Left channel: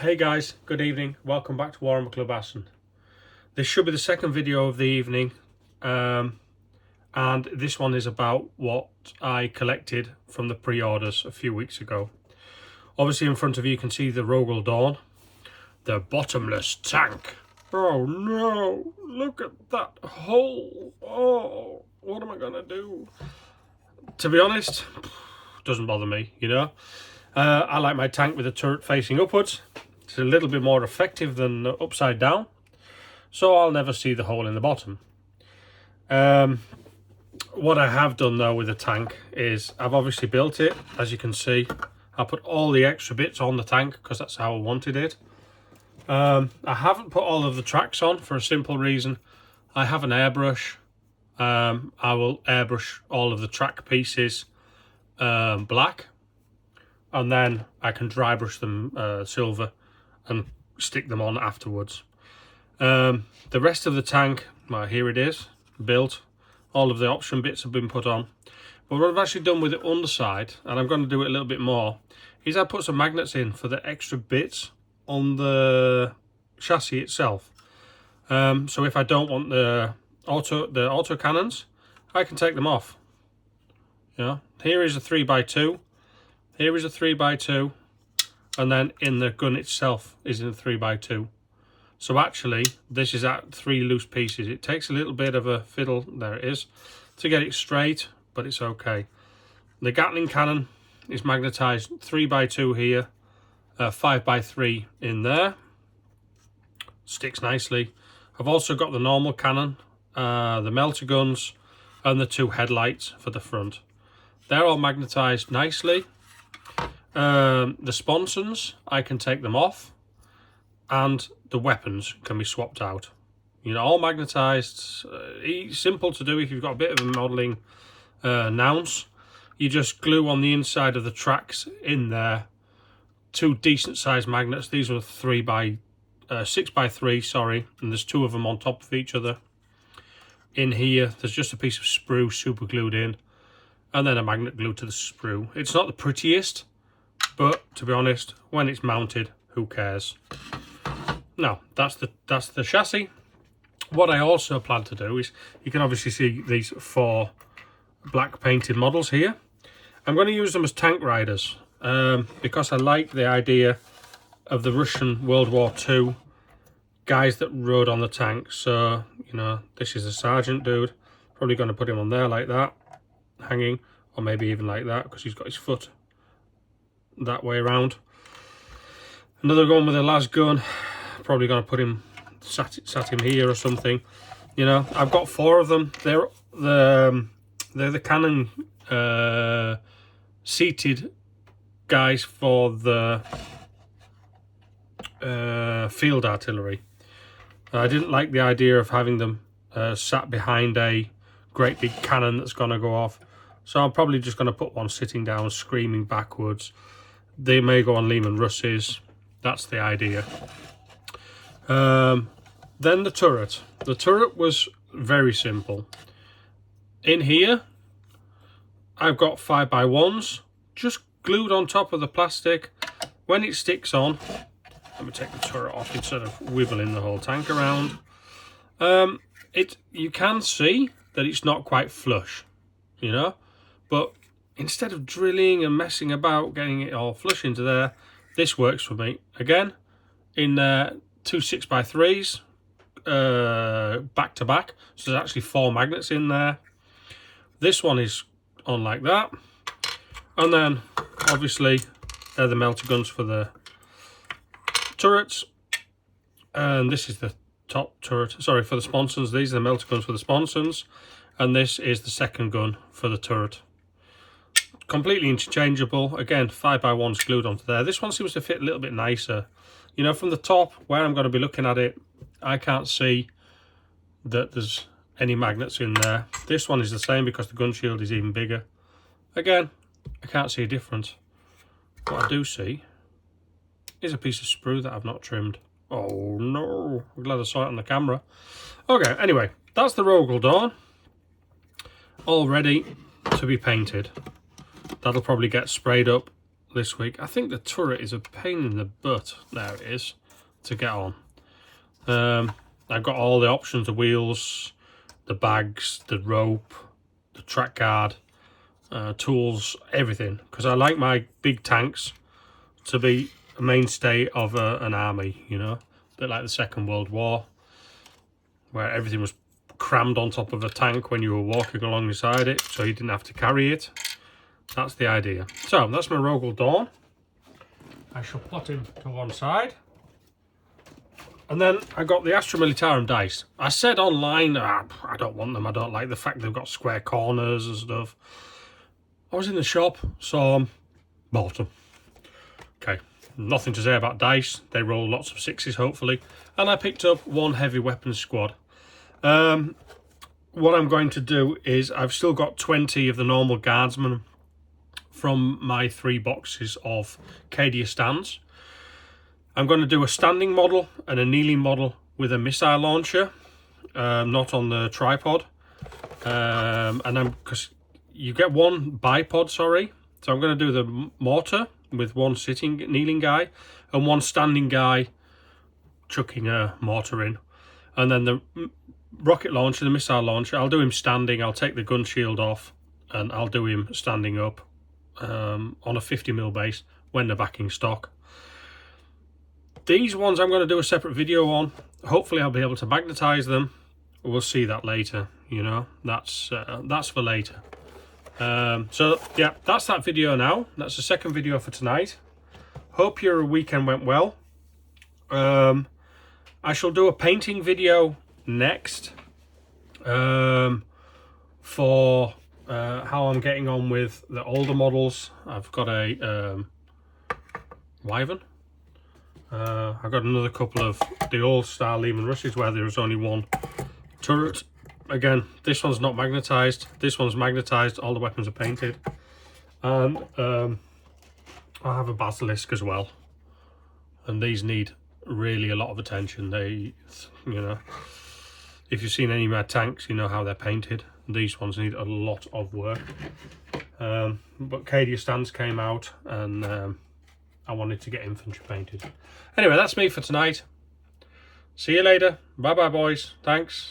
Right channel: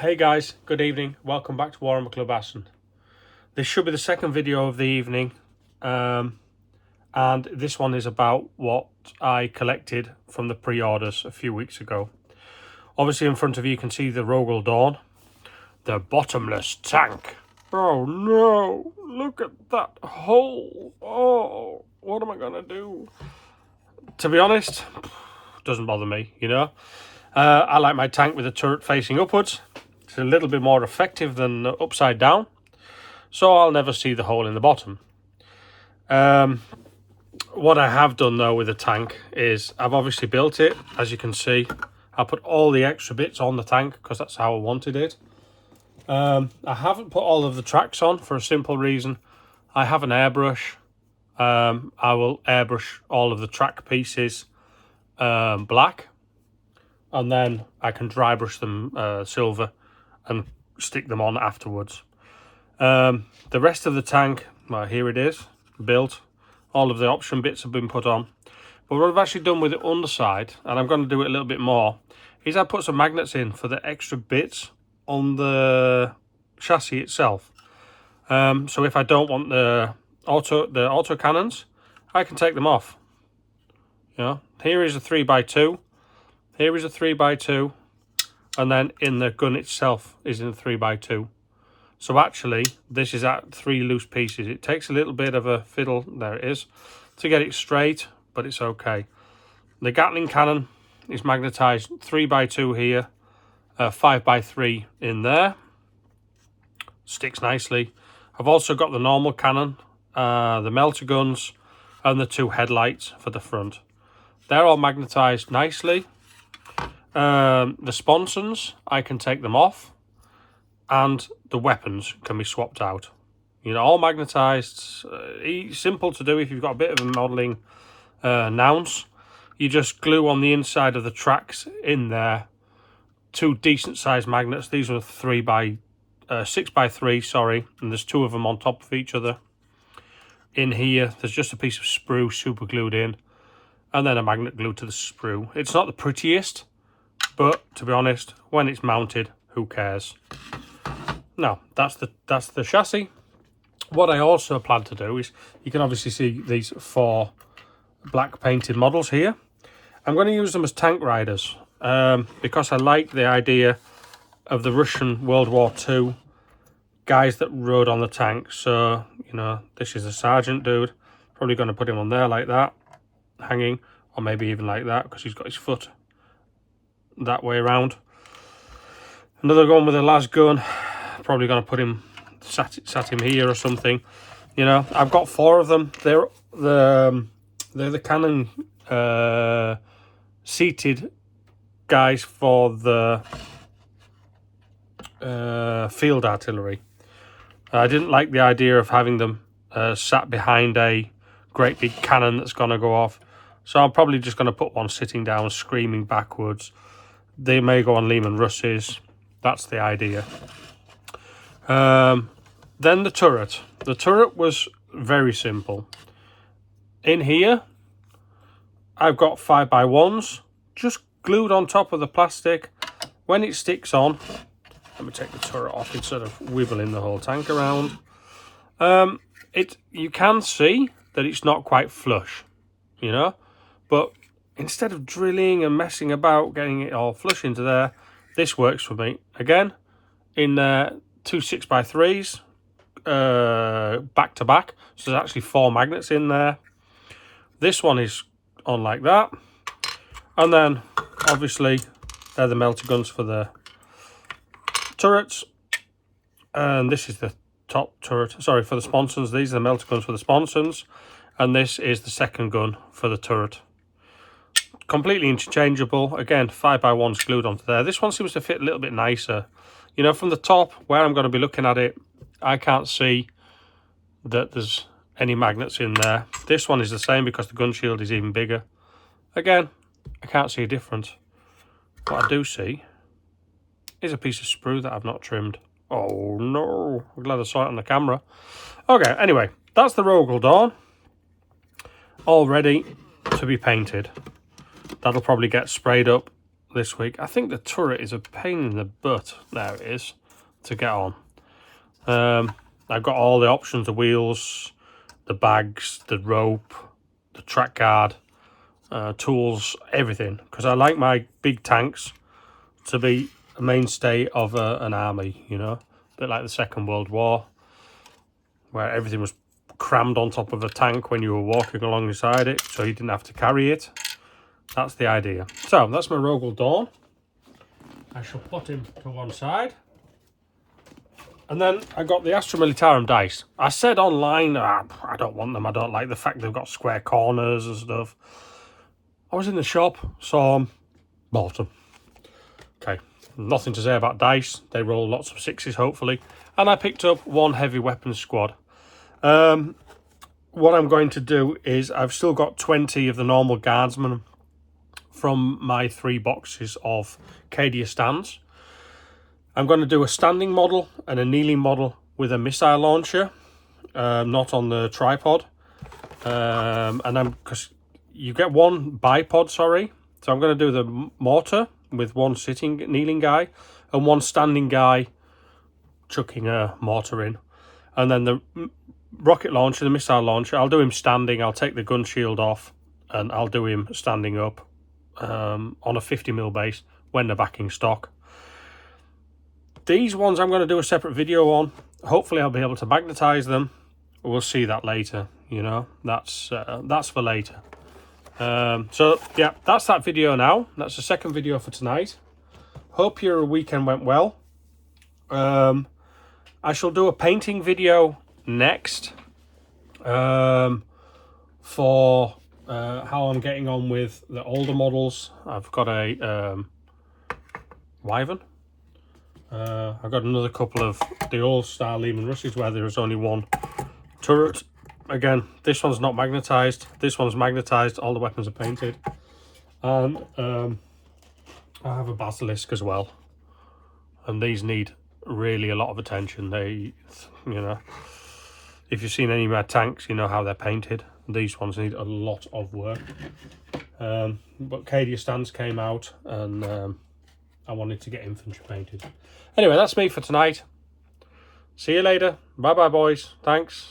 Hey guys, good evening. Welcome back to Warhammer Club Aston. This should be the second video of the evening, and this one is about what I collected from the pre-orders a few weeks ago. Obviously in front of you can see the Rogal Dorn, the bottomless tank. Oh no, look at that hole. Oh, what am I gonna do? To be honest, doesn't bother me, you know. I like my tank with the turret facing upwards. It's a little bit more effective than upside down, so I'll never see the hole in the bottom. What I have done though with the tank is I've obviously built it. As you can see, I put all the extra bits on the tank because that's how I wanted it. I haven't put all of the tracks on for a simple reason. I have an airbrush. I will airbrush all of the track pieces black, and then I can dry brush them silver and stick them on afterwards. The rest of the tank, well, here it is, built. All of the option bits have been put on. But what I've actually done with the underside, and I'm going to do it a little bit more, is I put some magnets in for the extra bits on the chassis itself. So if I don't want the auto cannons, I can take them off. You know, here is a 3x2. Here is a 3x2, and then in the gun itself is in a 3x2. So actually, this is at 3 loose pieces. It takes a little bit of a fiddle, there it is, to get it straight, but it's okay. The Gatling cannon is magnetized 3x2 here, 5x3 in there. Sticks nicely. I've also got the normal cannon, the melter guns, and the 2 headlights for the front. They're all magnetized nicely. The sponsons, I can take them off, and the weapons can be swapped out. You know, all magnetized, simple to do if you've got a bit of a modelling nous. You just glue on the inside of the tracks in there 2 decent sized magnets. These are 6x3, sorry, and there's 2 of them on top of each other. In here, there's just a piece of sprue super glued in, and then a magnet glued to the sprue. It's not the prettiest, but to be honest, when it's mounted, who cares? Now, that's the chassis. What I also plan to do is, you can obviously see these 4 black painted models here. I'm going to use them as tank riders, because I like the idea of the Russian World War II guys that rode on the tank. So, you know, this is a sergeant dude. Probably going to put him on there like that, hanging, or maybe even like that, because he's got his foot that way around. Another one with a las gun, probably going to put him sat him here or something. You know, I've got 4 of them. They're the cannon seated guys for the field artillery. I didn't like the idea of having them sat behind a great big cannon that's going to go off, so I'm probably just going to put one sitting down screaming backwards. They may go on Lehman Russes. That's the idea. Then the turret. The turret was very simple. In here, I've got 5x1s just glued on top of the plastic. When it sticks on, let me take the turret off instead of wibbling the whole tank around. You can see that it's not quite flush, you know, but instead of drilling and messing about getting it all flush into there, this works for me. Again, in 2 6x3s back to back, so there's actually 4 magnets in there. This one is on like that, and then obviously they're the melter guns for the turrets, and this is the top turret, sorry, for the sponsons. These are the melter guns for the sponsons, and this is the second gun for the turret. Completely interchangeable. Again, 5x1s glued onto there. This one seems to fit a little bit nicer. You know, from the top where I'm going to be looking at it, I can't see that there's any magnets in there. This one is the same because the gun shield is even bigger. Again, I can't see a difference. What I do see is a piece of sprue that I've not trimmed. Oh no, I'm glad I saw it on the camera. Okay, anyway, that's the Rogal Dorn, all ready to be painted. That'll probably get sprayed up this week. I think the turret is a pain in the butt. There it is, to get on. I've got all the options, the wheels, the bags, the rope, the track guard, tools, everything, because I like my big tanks to be a mainstay of an army, you know, a bit like the Second World War, where everything was crammed on top of a tank when you were walking alongside it, so you didn't have to carry it. That's the idea. So that's my Rogal Dorn. I shall put him to one side. And then I got the Astra Militarum dice. I said online, I don't want them. I don't like the fact they've got square corners and stuff. I was in the shop, saw them, bought them. Okay, nothing to say about dice. They roll lots of sixes, hopefully. And I picked up one heavy weapons squad. What I'm going to do is, I've still got 20 of the normal guardsmen from my 3 boxes of Cadian stands. I'm going to do a standing model and a kneeling model with a missile launcher, not on the tripod. Because you get one bipod, sorry. So I'm going to do the mortar with one kneeling guy and one standing guy chucking a mortar in. And then the rocket launcher, the missile launcher, I'll do him standing. I'll take the gun shield off and I'll do him standing up on a 50mm base when they're back in stock. These ones I'm going to do a separate video on. Hopefully I'll be able to magnetize them. We'll see that later, you know. That's for later. So yeah, that's that video now. That's the second video for tonight. Hope your weekend went well. I shall do a painting video next for how I'm getting on with the older models. I've got a Wyvern. I've got another couple of the old style Lehman Rushes where there was only one turret. Again, this one's not magnetized. This one's magnetized. All the weapons are painted. And I have a Basilisk as well. And these need really a lot of attention. They, you know, if you've seen any of my tanks, you know how they're painted. These ones need a lot of work. But Cadian stands came out and I wanted to get infantry painted. Anyway, that's me for tonight. See you later. Bye bye, boys. Thanks.